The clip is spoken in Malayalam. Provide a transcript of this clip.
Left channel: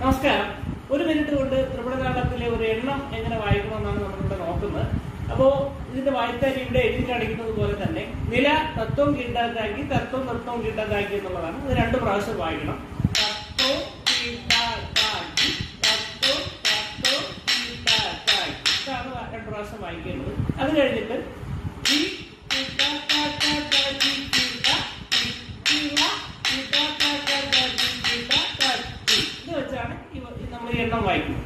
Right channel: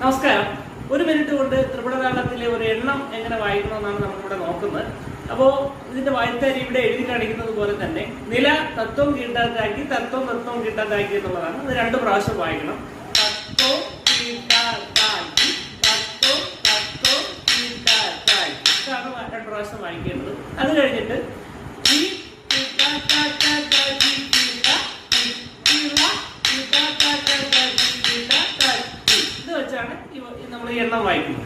നമസ്കാരം. ഒരു മിനിറ്റ് കൊണ്ട് ത്രിപുടതാളത്തിലെ ഒരു എണ്ണം എങ്ങനെ വായിക്കണമെന്നാണ് നമ്മളിവിടെ നോക്കുന്നത്. അപ്പോൾ ഇതിന്റെ വായ്ത്താരി ഇവിടെ എഴുതി കാണിക്കുന്നത് പോലെ തന്നെ നില തത്വം കീട്ടാത്താക്കി തത്വം തത്വം കീട്ടാത്താക്കി എന്നുള്ളതാണ്. ഇത് 2 പ്രാവശ്യം വായിക്കണം. തത്വം കീട്ടാത്താക്കി തത്വം തത്വം കീട്ടാത്താക്കി, ഇതാണ് 2 പ്രാവശ്യം വായിക്കേണ്ടത്. അത് കഴിഞ്ഞിട്ട് ഇത് വെച്ചാണ് നമ്മൾ ഈ എണ്ണം വായിക്കുന്നത്.